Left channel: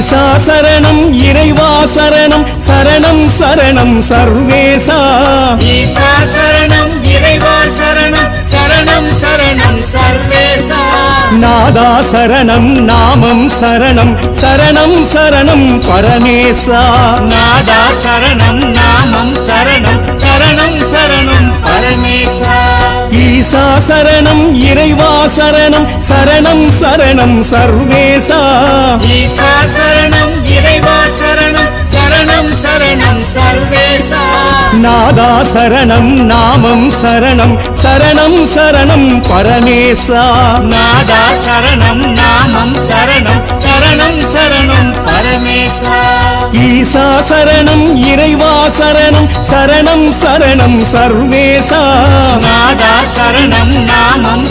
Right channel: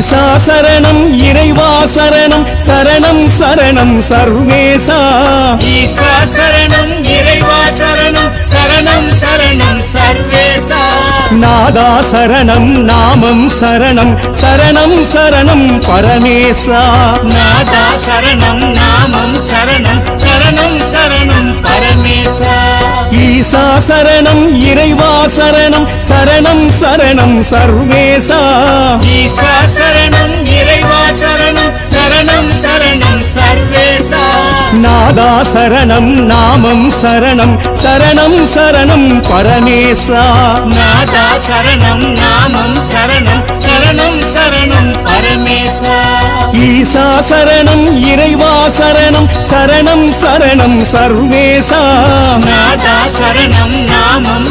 ஈசா சரணம் இறைவா சரணம் சரணம் சரணம் சர்வேசா ஈசா சரணம் இறைவா சரணம் சரணம் சரணம் சர்வேசா நாதா சரணம் நாமம் சரணம் சரணம் சரணம் பரமேசா நாதா சரணம் நாமம் சரணம் சரணம் சரணம் பரமேசா ஈசா சரணம் இறைவா சரணம் சரணம் சரணம் சர்வேசா ஈசா சரணம் இறைவா சரணம் சரணம் சரணம் சர்வேசா நாதா சரணம் நாமம் சரணம் சரணம் சரணம் பரமேசா நாதா சரணம் நாமம் சரணம் சரணம் சரணம் பரமேசா ஈசா சரணம் இறைவா சரணம் சரணம் சரணம் சர்வேசா நாதா சரணம் நாமம்